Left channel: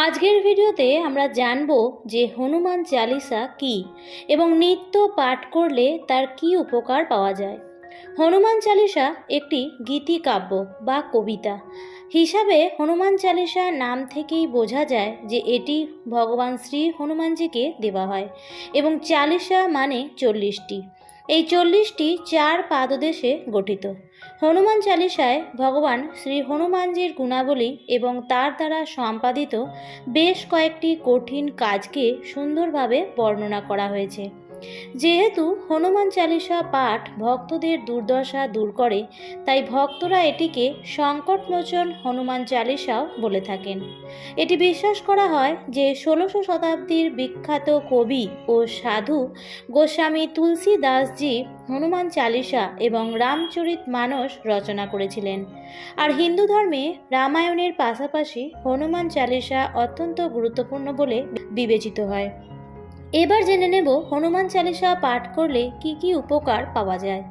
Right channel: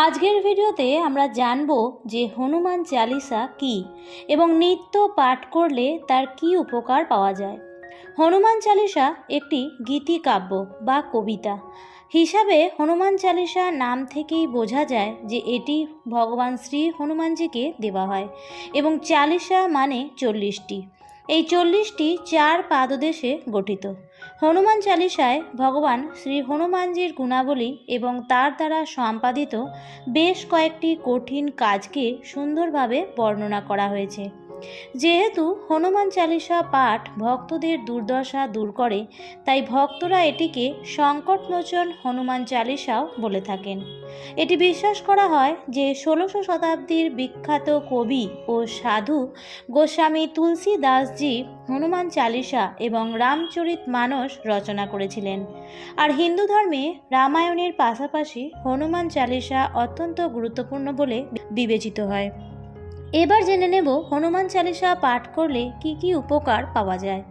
আজকের ভিডিওতে আমরা জানব যে হনুমান চালিসা কি এবং নিত্য পাঠ করলে তার কি উপকার পাওয়া যায়। হনুমান চালিসা একটি গীতিকাব্য বা কবিতা। হিসাবে হনুমান চালিসা নাম থেকেই বোঝা যায় যে এটি ভগবান শ্রী হনুমানজিকে দেওয়া হয় এবং চালিসা মানে চল্লিশটি। এই চল্লিশটি চার পাদদেশে গঠিত। হনুমান চালিসায় ভগবান শ্রী হনুমানজির গুণাবলী এবং তার দ্বারা সম্পাদিত বেশ কয়েকটি কঠিন কাজকে সুন্দরভাবে বর্ণনা করা হয়েছে। যেহেতু হনুমান চালিসা পাঠ ভক্তদের দুর্দশা দূর করে, তাই ভক্তরা এটিকে সংকটমোচন হনুমান চালিসাও বলে থাকেন। এটি বিশ্বাস করা হয় যে ষোলোশো শতাব্দীর বিখ্যাত কবি ও সাধু গোস্বামী তুলসী দাসজি হনুমান চালিসা এবং রামচরিত মানস রচনা করেছিলেন। আর হিন্দু ধর্মে রামায়ণের পাশাপাশি হনুমান চালিসা অত্যন্ত গুরুত্বপূর্ণ বলে বিবেচিত হয়। এবার জেনে নেব হনুমান চালিসা পাঠ করলে কি কি উপকার পাওয়া যায়।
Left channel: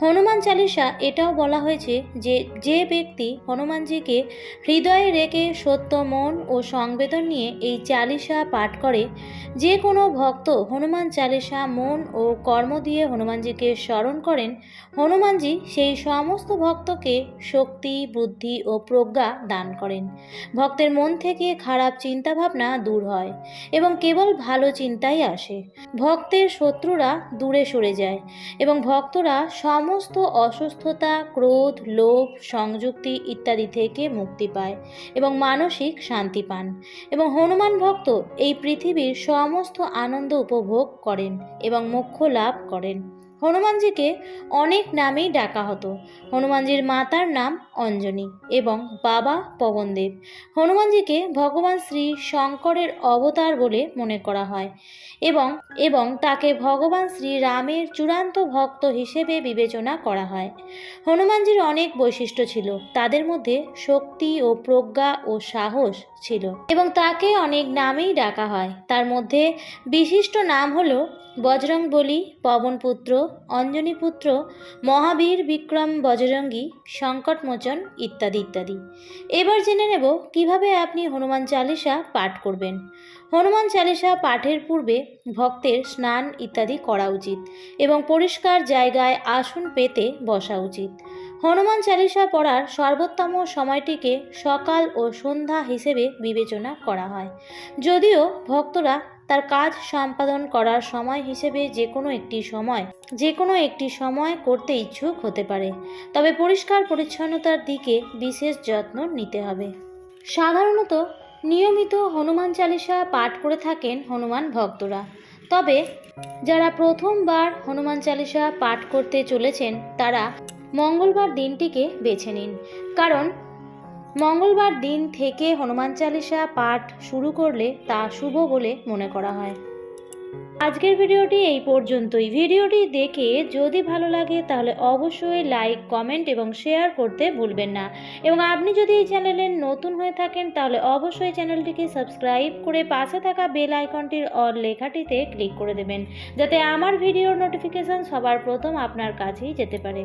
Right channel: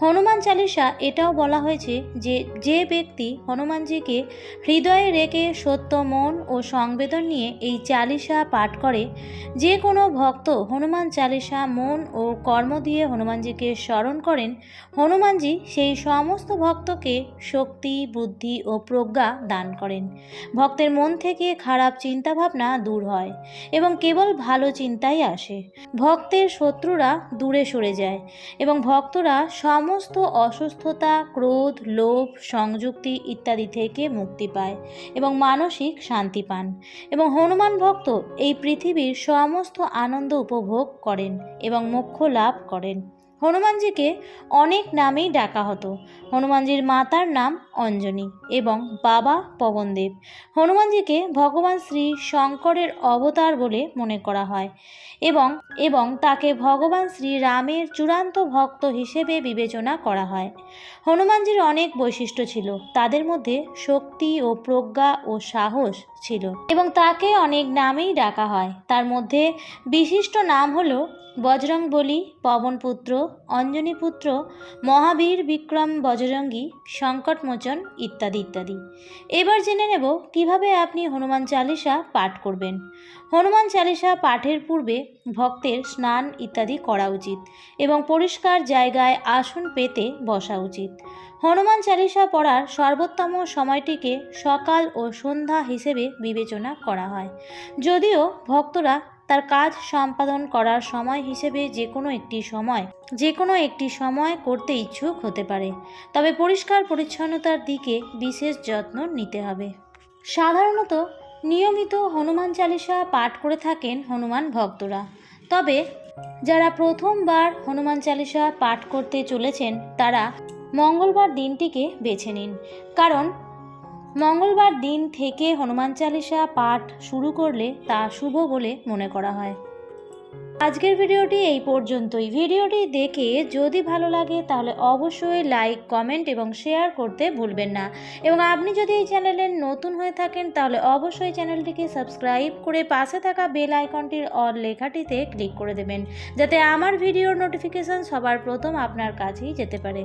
হনুমান চালিসা এটাও বলা হয়েছে যে যে ব্যক্তি হনুমানজিকে হৃদয়ে রেখে সত্য, মন ও সংবেদন নিয়ে এই চালিসা পাঠ করে, যে কোনো ভক্ত হনুমান চালিসা, মন ও কর্ম দিয়ে হনুমানজিকে স্মরণ করেন, হনুমানজি সেই সমস্ত ভক্তকে শক্তি, বুদ্ধি ও প্রজ্ঞা দান করেন। ভক্তের মন থেকে খারাপ চিন্তাভাবনা দূর হয় এবং কেবল ভালো চিন্তাই আসে। ভক্তের শত্রুরা দূরে সরে যায় এবং ভক্তরা সমস্ত অসুস্থতা, ক্রোধ, লোভ, সংযুক্তি ইত্যাদি থেকে মুক্তি পায় এবং মানসিক শান্তি পান এবং হনুমান ভক্ত এই পৃথিবীর সমস্ত আনন্দ উপভোগ করেন এবং মোক্ষ লাভ করেন। হনুমানজিকে অনেক নামেই ডাকা হতো। হনুমানজির মাতার নাম অঞ্জনী এবং বাবা পবনদেব। হনুমানজিকে ভগবান শ্রী শঙ্করের অবতার বলে মনে করা হয় এবং এবং তাকে ভগবান শ্রী রামের চূড়ান্ত ভক্ত হিসেবে বিবেচনা করা হয়। হনুমানজির অনেক বৈশিষ্ট্য ছিল, তাদের মধ্যে শক্তি ও প্রজ্ঞা ও সাহস ছিল এবং তাকে অনেক নামেই ডাকা হয়। তার মধ্যে বিশিষ্ট নাম হলো বজরং বলি পবনপুত্র অঞ্জনীপুত্র মহাবীর, বিক্রম, বজরঙ্গী সংকটমোচন ইত্যাদি ইত্যাদি। এবার জেনে নেব কীভাবে আপনি হনুমান চালিসা পাঠ করবেন। হনুমান চালিসা পাঠের পূর্বে ভক্তের স্নান ইত্যাদি করা উচিত এবং পরিষ্কার জায়গায় আসন পেতে বসা উচিত। হনুমান চালিসা পড়ার সর্বোত্তম সময়টিকে সকাল ও সন্ধ্যা হিসেবে বিবেচনা করা হয়। যদিও ভক্তরা তার কাজ সম্পাদন করার সময় হিসেবে যে কোনো একটি সময়, যে কোনো একটি সময় করতে ইচ্ছুক হতে পারে। তবে পরিষ্কার পরিচ্ছন্নতার দিকে বিশেষ যত্ন নিতে হবে। সাধারণত নিয়মিত হনুমান চালিসা পাঠ করে থাকেন হনুমান ভক্তরা। তবে যারা প্রথমবার হনুমান চালিসা পাঠ করতে চলেছেন, তারা মঙ্গলবার দিনটিকে বেছে নিন। কারণ মঙ্গলবার দিন থেকে হনুমান চালিসা পাঠ শুরু করলে তা শুভ বলে মনে করা হয়। আজকের ভিডিওটি এই পর্যন্তই। ভিডিওটি দেখে যদি ভালো লাগে তাহলে অবশ্যই লাইক, কমেন্ট এবং শেয়ার করতে ভুলবেন না। এবং আপনি যদি এই চ্যানেলের নতুন হয়ে থাকেন তাহলে অবশ্যই চ্যানেলটিকে সাবস্ক্রাইব করে পাশে থাকা বেল আইকনটির অল লেখাটিতে ক্লিক করে দেবেন, যাতে আমার ভিডিওর নোটিফিকেশান সবার প্রথম আপনার কাছেই যেতে পারে।